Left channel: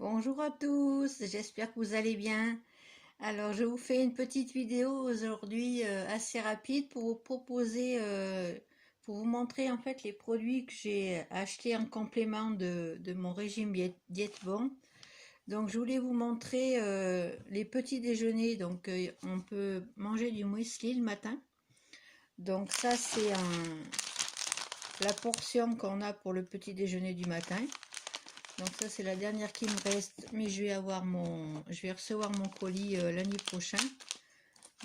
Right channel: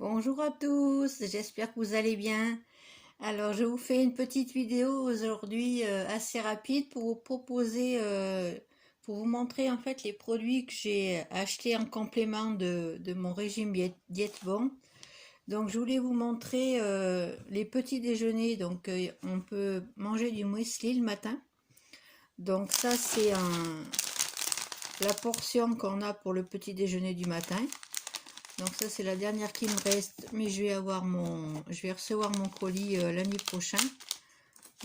Bonjour à tous, j'espère que vous allez bien. Alors je vous fais une petite vidéo aujourd'hui assez rapide pour vous proposer, pour vous montrer en fait les produits que j'ai achetés en complément de mon régime diète bon. Donc je voulais vous montrer les petits déjeuners, donc on peut manger du muesli le matin. Donc ça c'est la portion qu'on a pour le petit déjeuner du matin. Donc ça c'est la dernière qui me reste, mais je vais recevoir mon colis lundi prochain.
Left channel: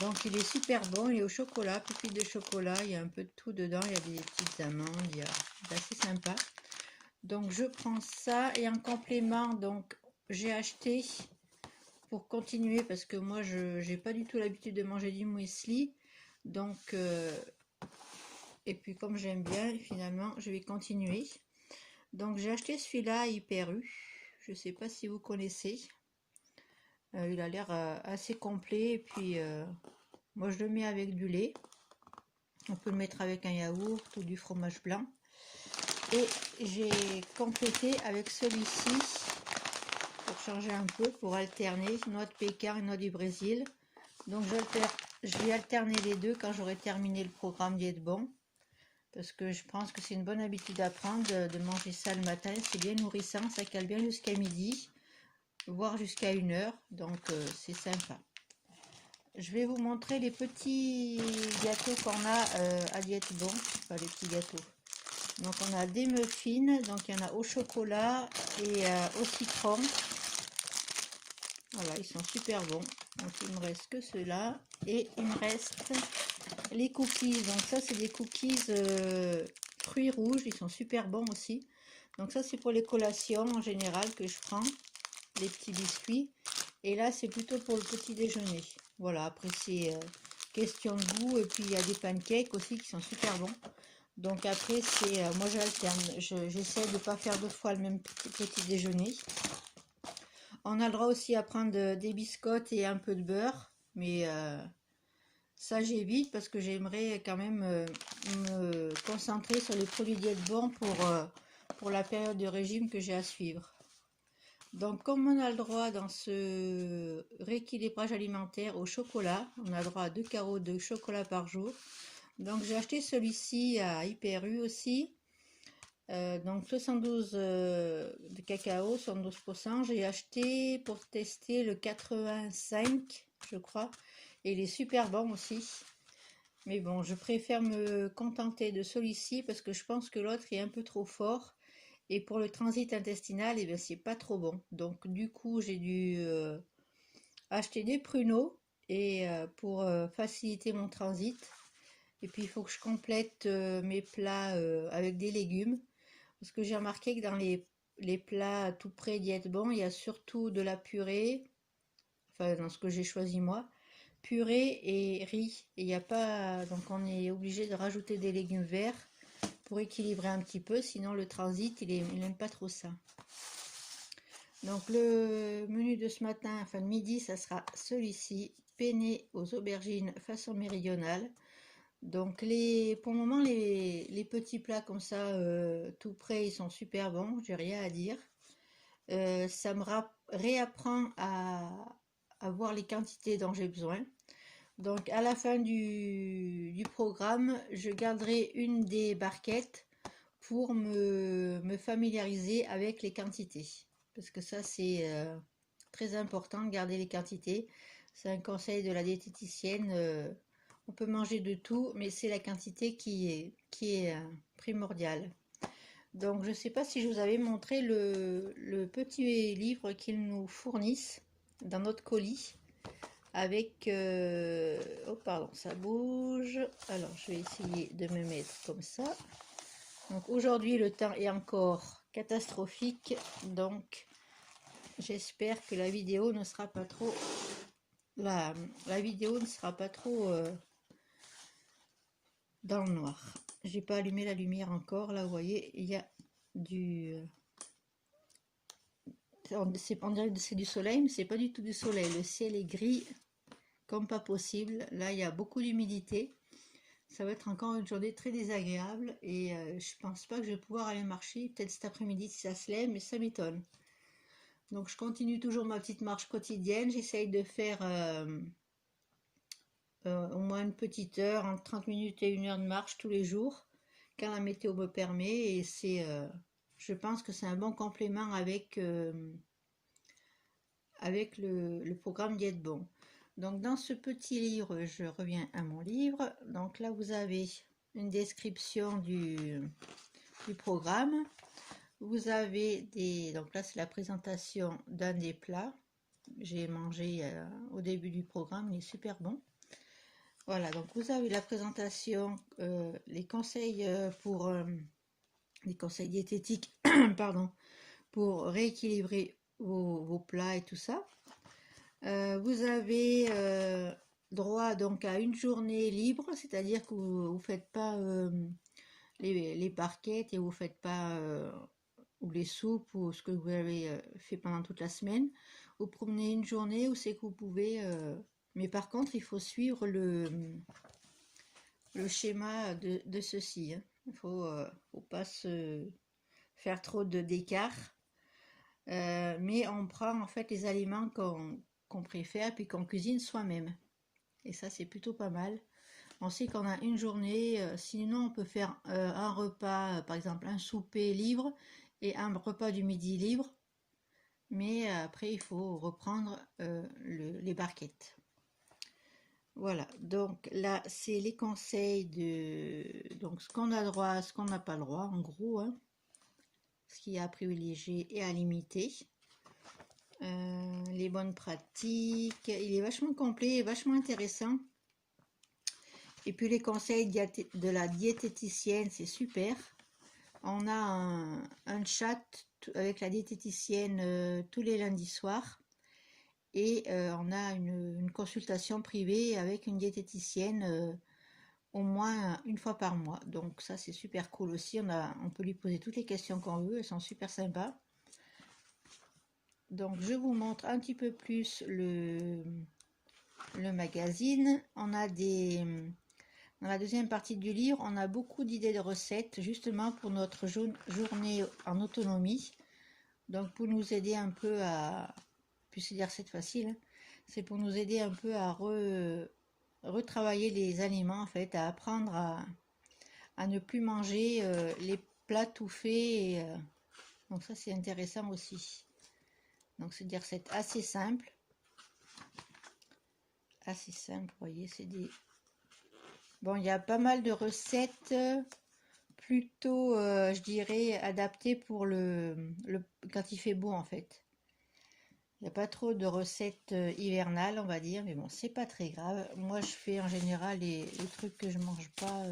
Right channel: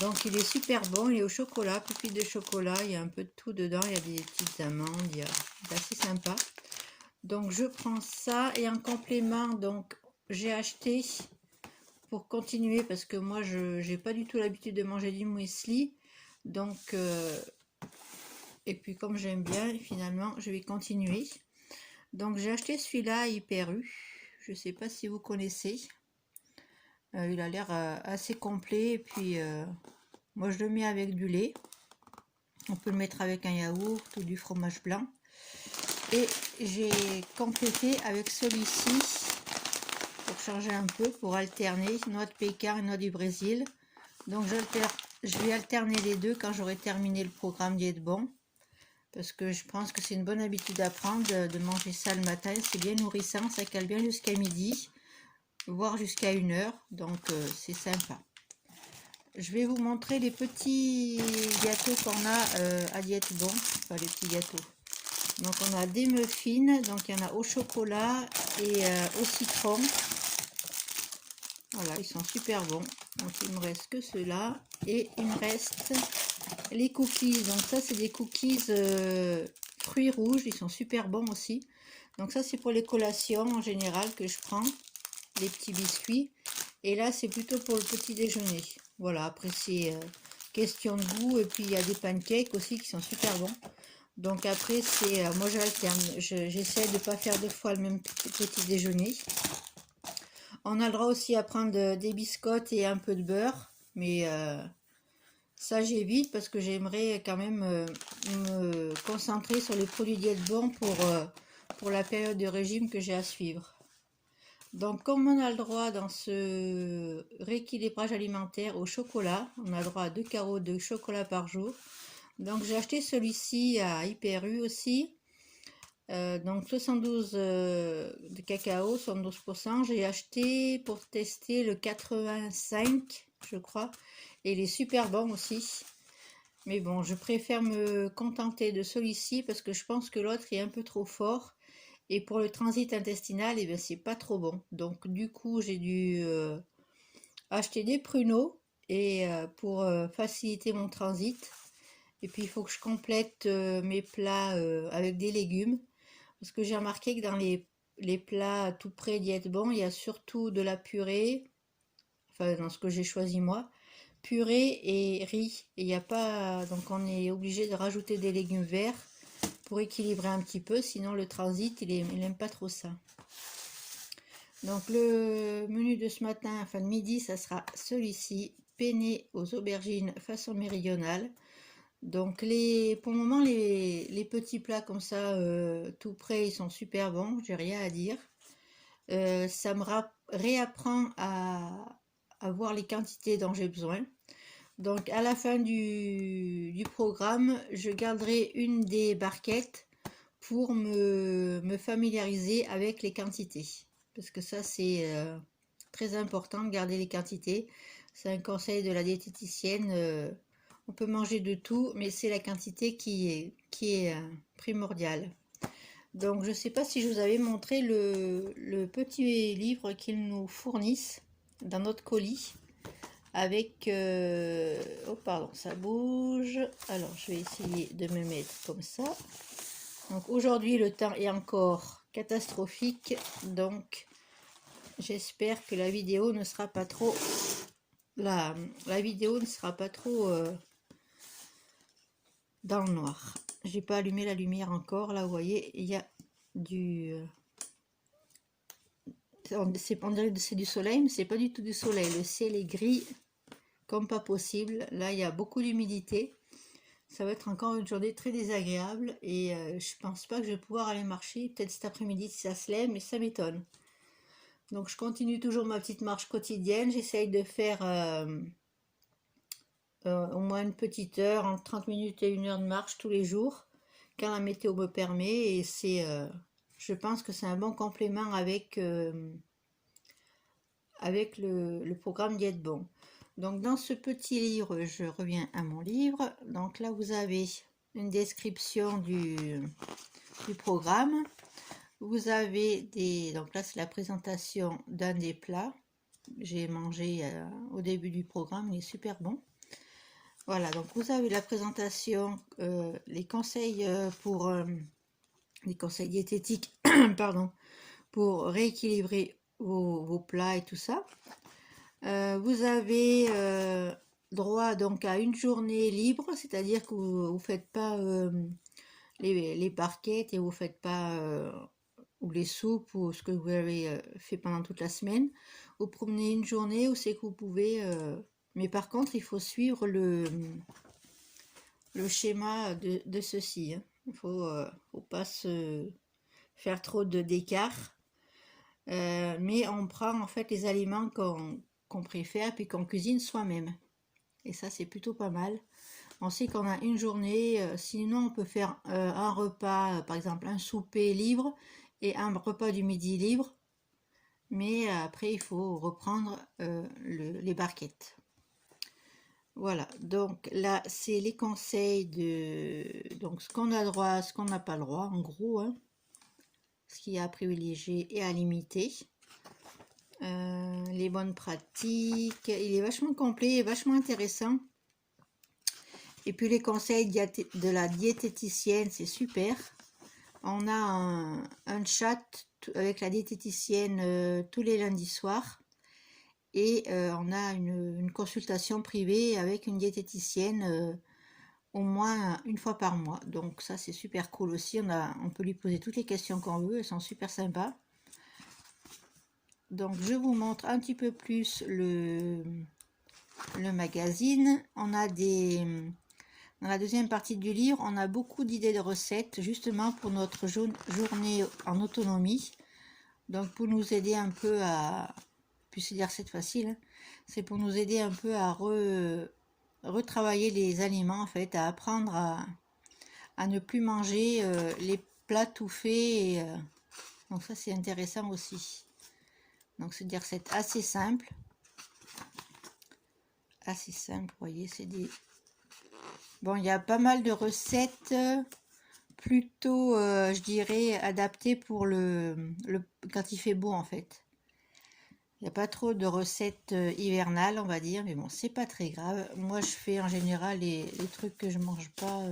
Donc il est super bon, il est au chocolat, pupille de chocolat, il y a un peu de tout dedans, il y a des petites amandes, c'est assez sympa. Donc je prends ça et en complément, donc j'ai acheté pour continuer parce que moi je n'ai pas du tout l'habitude de manger du muesli. Donc et puis comme j'aime bien, finalement je vais continuer. Donc j'ai acheté celui-là Hyper U. Je ne sais pas si vous connaissez. Il a l'air assez complet. Et puis moi je le mets avec du lait. On peut le mettre avec un yaourt ou du fromage blanc. Et j'ai complété avec celui-ci pour changer un peu, pour alterner noix de pécan et noix du Brésil. Donc je vais alterner les deux quand j'aurai terminé le programme Diète Bon. Parce que je pense que c'est une bonne habitude à prendre de manger ça le matin. C'est bien nourrissant, ça cale bien jusqu'à midi, voire jusqu'à 1h. Donc c'est sympa. Je vais vous montrer les petits gâteaux qu'on a à Diète Bon. Enfin, les petits gâteaux. Donc on a des muffins, donc il y en a au chocolat et au citron. Voilà, ils sont super bons. Donc il me reste que ceux-là. Et il me reste les cookies. Donc ça c'est des cookies fruits rouges, ils sont super bons aussi. Donc ça c'est pour les collations en général que je prends, les petits biscuits. Et là c'est plutôt pour le petit déjeuner. Voilà, après c'est question de goût. Et puis il y a des pancakes aussi qui sont super bons. Donc après c'est, moi j'alterne, j'essaie de ne pas faire deux fois le même petit déjeuner. On a le droit aussi à prendre des biscottes et un peu de beurre. Mais ça j'évite parce que j'aimerais quand même me concentrer sur les produits diète bon pour la période de régime que j'ai à suivre. Donc comme on a le droit dans ce rééquilibrage alimentaire au chocolat, on a le droit à 2 carreaux de chocolat par jour. Donc j'ai acheté celui-ci à Hyper U aussi. Donc 72 de cacao, 72%. J'ai acheté pour tester le 85, je crois. Et il est super bon aussi. Mais bon, je préfère me contenter de celui-ci parce que je pense que l'autre est un peu trop fort. Et pour le transit intestinal, eh bien, c'est pas trop bon. Donc du coup, j'ai dû acheter des pruneaux et pour faciliter mon transit. Et puis il faut que je complète mes plats avec des légumes. Parce que j'ai remarqué que dans les plats tout près diète bon, il y a surtout de la purée. Enfin, dans ce que j'ai choisi moi. Purée et riz. Et il n'y a pas. Donc on est obligé de rajouter des légumes verts pour équilibrer un petit peu. Sinon le transit, il n'aime pas trop ça. Donc le menu de ce matin, enfin de midi, ça sera celui-ci. Penne aux aubergines façon méridionale. Donc pour le moment les petits plats comme ça tout prêts ils sont super bons, j'ai rien à dire. Ça me réapprend à voir les quantités dont j'ai besoin. Donc à la fin du programme, je garderai une des barquettes pour me familiariser avec les quantités. Parce que ça c'est très important de garder les quantités. C'est un conseil de la diététicienne. On peut manger de tout, mais c'est la quantité qui est primordiale. Donc je ne sais pas si je vous avais montré le petit livre qu'ils nous fournissent dans notre colis. Avec... oh pardon, ça bouge. Alors je vais essayer de me mettre comme ça. Donc aujourd'hui le temps est encore catastrophique. Donc j'espère que la vidéo ne sera pas trop... La vidéo ne sera pas trop... dans le noir. J'ai pas allumé la lumière encore. Là, vous voyez, il y a du... on dirait que c'est du soleil, mais c'est pas du tout du soleil. Le ciel est gris comme pas possible. Là, il y a beaucoup d'humidité. Ça va être encore une journée très désagréable. Et je pense pas que je vais pouvoir aller marcher. Peut-être cet après-midi si ça se lève, mais ça m'étonne. Donc je continue toujours ma petite marche quotidienne. J'essaye de faire au moins une petite heure, entre 30 minutes et 1 heure de marche tous les jours, quand la météo me permet. Et je pense que c'est un bon complément avec le programme Diète Bon. Donc dans ce petit livre, je reviens à mon livre. Donc là vous avez une description du programme. Vous avez donc là c'est la présentation d'un des plats. J'ai mangé au début du programme, il est super bon. Voilà, donc vous avez la présentation, les conseils les conseils diététiques, pardon, pour rééquilibrer vos plats et tout ça. Vous avez droit donc à une journée libre, c'est-à-dire que vous ne faites pas les barquettes et vous ne faites pas ou les soupes ou ce que vous avez fait pendant toute la semaine. Vous prenez une journée où c'est que vous pouvez... mais par contre, il faut suivre le schéma de ceci. Hein. Il ne faut pas se faire trop d'écart. Mais on prend en fait les aliments qu'on préfère puis qu'on cuisine soi-même. Et ça, c'est plutôt pas mal. On sait qu'on a une journée, sinon on peut faire un repas, par exemple un souper libre et un repas du midi libre. Mais après, il faut reprendre les barquettes. Voilà, donc là, c'est les conseils de donc ce qu'on a droit, ce qu'on n'a pas le droit, en gros. Hein. Ce qu'il y a à privilégier et à limiter. Les bonnes pratiques. Il est vachement complet et vachement intéressant. Et puis les conseils de la diététicienne, c'est super. On a un chat avec la diététicienne tous les lundis soirs. Et on a une consultation privée avec une diététicienne au moins une fois par mois. Donc ça, c'est super cool aussi. On peut lui poser toutes les questions qu'on veut. Elles sont super sympas. Donc je vous montre un petit peu plus le magazine. On a dans la deuxième partie du livre, on a beaucoup d'idées de recettes justement pour notre journée en autonomie. Donc pour nous aider un peu à, puis c'est des recettes faciles, hein, c'est pour nous aider un peu à retravailler les aliments en fait, à apprendre à ne plus manger les plats tout faits. Et, donc ça c'est intéressant aussi. Donc c'est des recettes assez simples. Assez simple, vous voyez, c'est des... Bon, il y a pas mal de recettes plutôt, je dirais, adaptées pour quand il fait beau en fait. Il n'y a pas trop de recettes hivernales, on va dire, mais bon, c'est pas très grave. Moi, je fais en général les trucs que je mange pas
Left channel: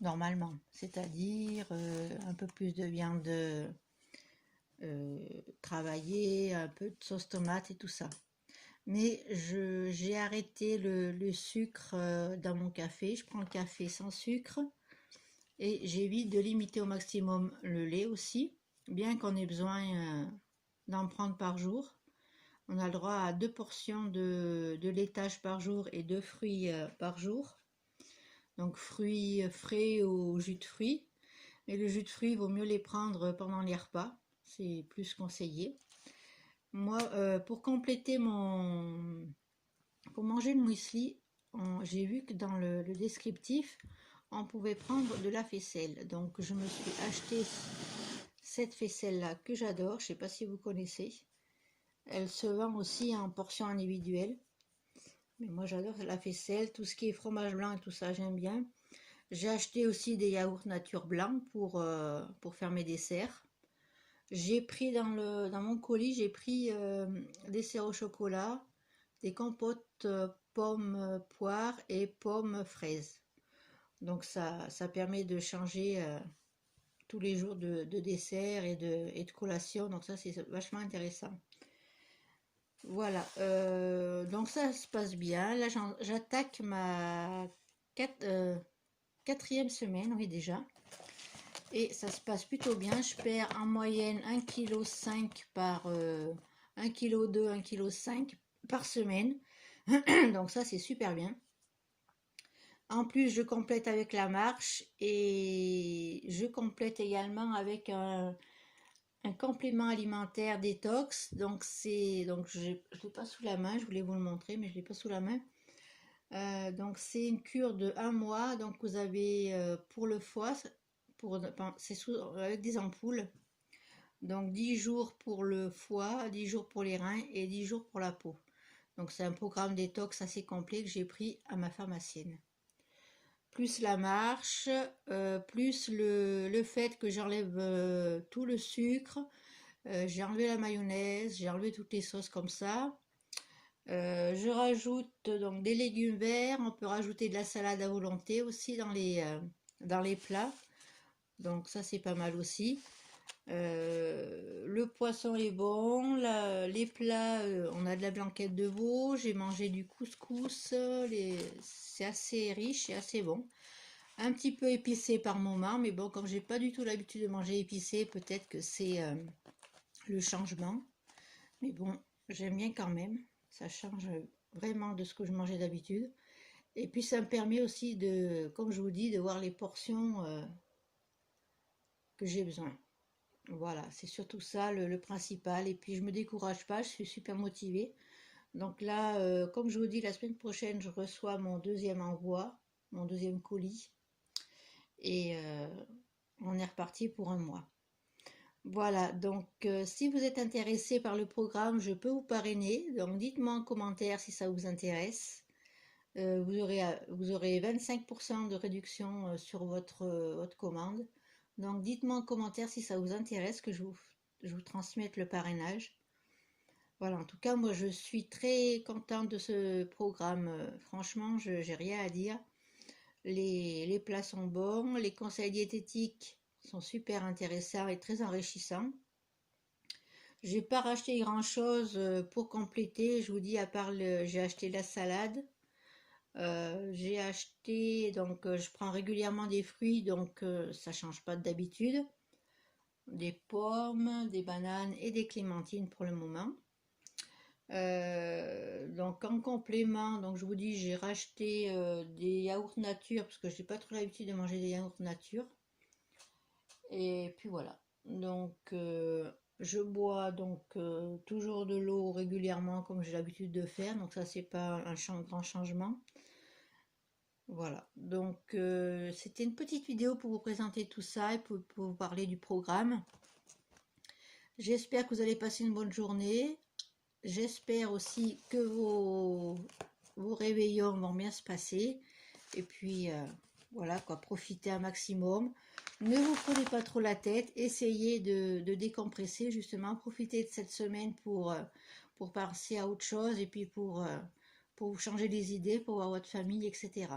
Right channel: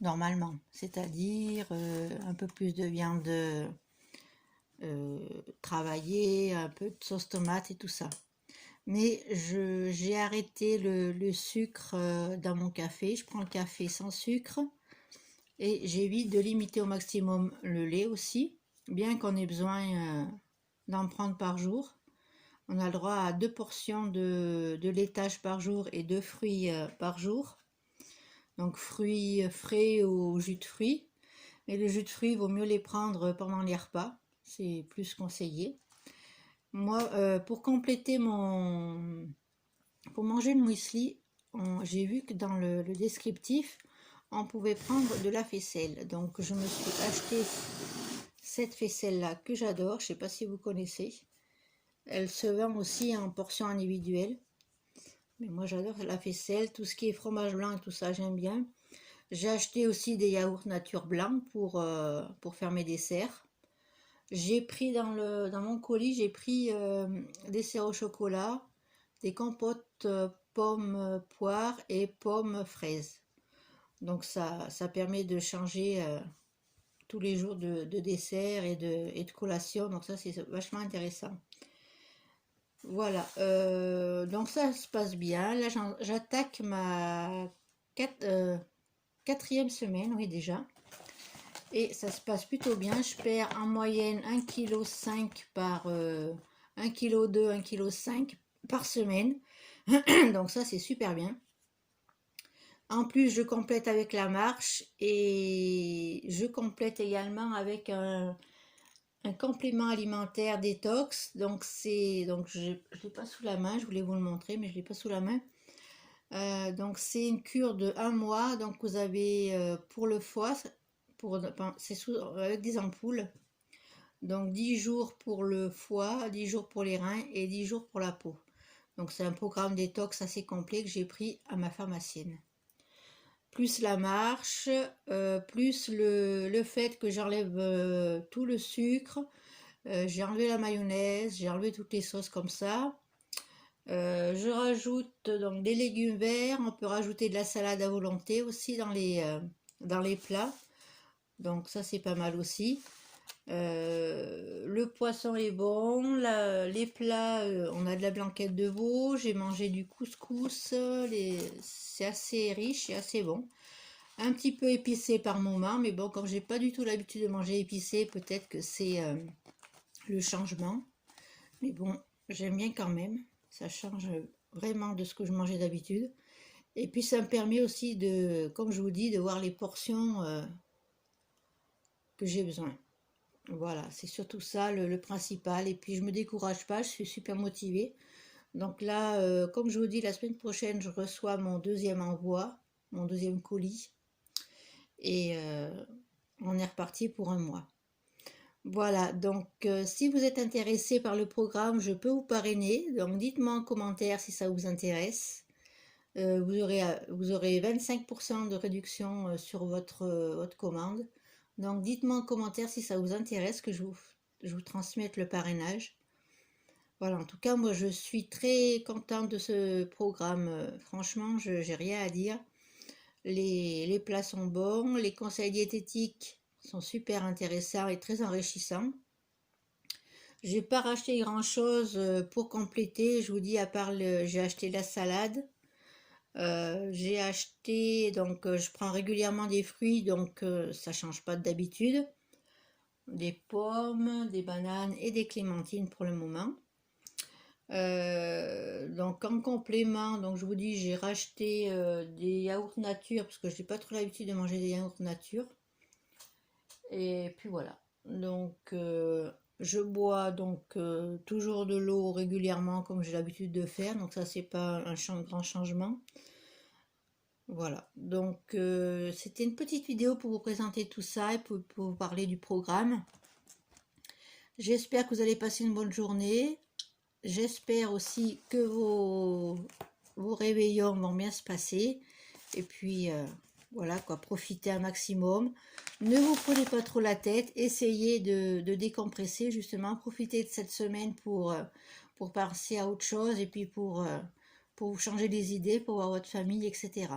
normalement, c'est-à-dire un peu plus de viande travaillée, un peu de sauce tomate et tout ça. Mais j'ai arrêté le sucre dans mon café. Je prends le café sans sucre et j'évite de limiter au maximum le lait aussi, bien qu'on ait besoin d'en prendre par jour. On a le droit à 2 portions de laitage par jour et 2 fruits par jour. Donc fruits frais ou jus de fruits. Mais le jus de fruits, il vaut mieux les prendre pendant les repas. C'est plus conseillé. Moi, pour compléter pour manger le muesli, j'ai vu que dans le descriptif, on pouvait prendre de la faisselle. Donc, je me suis acheté cette faisselle-là que j'adore. Je ne sais pas si vous connaissez. Elle se vend aussi en portions individuelles. Mais moi, j'adore la faisselle. Tout ce qui est fromage blanc et tout ça, j'aime bien. J'ai acheté aussi des yaourts nature blancs pour faire mes desserts. J'ai pris dans mon colis, j'ai pris des desserts au chocolat, des compotes pommes poires et pommes fraises. Donc ça permet de changer tous les jours de dessert et de collation. Donc ça c'est vachement intéressant. Voilà, donc ça se passe bien. Là j'attaque ma 4e semaine, oui déjà. Et ça se passe plutôt bien. Je perds en moyenne 1,5 kg par 1,2 kg, 1,5 kg par semaine. Donc ça c'est super bien. En plus je complète avec la marche et je complète également avec un complément alimentaire détox. Donc je l'ai pas sous la main, je voulais vous le montrer, mais je l'ai pas sous la main. Donc c'est une cure de 1 mois. Donc vous avez pour le foie, c'est avec des ampoules. Donc 10 jours pour le foie, 10 jours pour les reins et 10 jours pour la peau. Donc c'est un programme détox assez complet que j'ai pris à ma pharmacienne. Plus la marche, plus le fait que j'enlève tout le sucre, j'ai enlevé la mayonnaise, j'ai enlevé toutes les sauces comme ça. Je rajoute donc des légumes verts, on peut rajouter de la salade à volonté aussi dans les plats. Donc ça c'est pas mal aussi. Le poisson est bon, les plats, on a de la blanquette de veau, j'ai mangé du couscous, c'est assez riche et assez bon. Un petit peu épicé par moment, mais bon, comme j'ai pas du tout l'habitude de manger épicé, peut-être que c'est le changement. Mais bon, j'aime bien quand même, ça change vraiment de ce que je mangeais d'habitude. Et puis ça me permet aussi de, comme je vous dis, de voir les portions que j'ai besoin. Voilà, c'est surtout ça le principal. Et puis je me décourage pas, je suis super motivée. Donc là, comme je vous dis, la semaine prochaine, je reçois mon deuxième envoi, mon deuxième colis. Et on est reparti pour 1 mois. Voilà, donc si vous êtes intéressé par le programme, je peux vous parrainer. Donc dites-moi en commentaire si ça vous intéresse. Vous aurez 25% de réduction sur votre commande. Donc dites-moi en commentaire si ça vous intéresse que je vous transmette le parrainage. Voilà, en tout cas, moi je suis très contente de ce programme. Franchement, je n'ai rien à dire. Les plats sont bons, les conseils diététiques sont super intéressants et très enrichissants. J'ai pas racheté grand chose pour compléter, je vous dis, à part j'ai acheté de la salade. J'ai acheté, donc je prends régulièrement des fruits, donc ça change pas d'habitude. Des pommes, des bananes et des clémentines pour le moment. Donc en complément, donc je vous dis, j'ai racheté des yaourts nature parce que j'ai pas trop l'habitude de manger des yaourts nature. Et puis voilà. Donc je bois donc toujours de l'eau régulièrement comme j'ai l'habitude de faire. Donc ça c'est pas un grand changement. Voilà. Donc c'était une petite vidéo pour vous présenter tout ça et pour vous parler du programme. J'espère que vous allez passer une bonne journée. J'espère aussi que vos réveillons vont bien se passer. Et puis, voilà quoi, profitez un maximum. Ne vous prenez pas trop la tête. Essayez de décompresser, justement. Profitez de cette semaine pour passer à autre chose et puis pour vous changer les idées, pour voir votre famille, etc.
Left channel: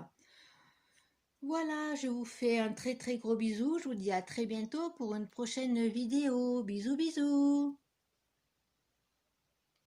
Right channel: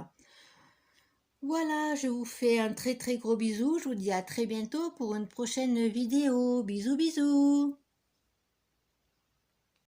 Voilà, je vous fais un très très gros bisou. Je vous dis à très bientôt pour une prochaine vidéo. Bisous, bisous.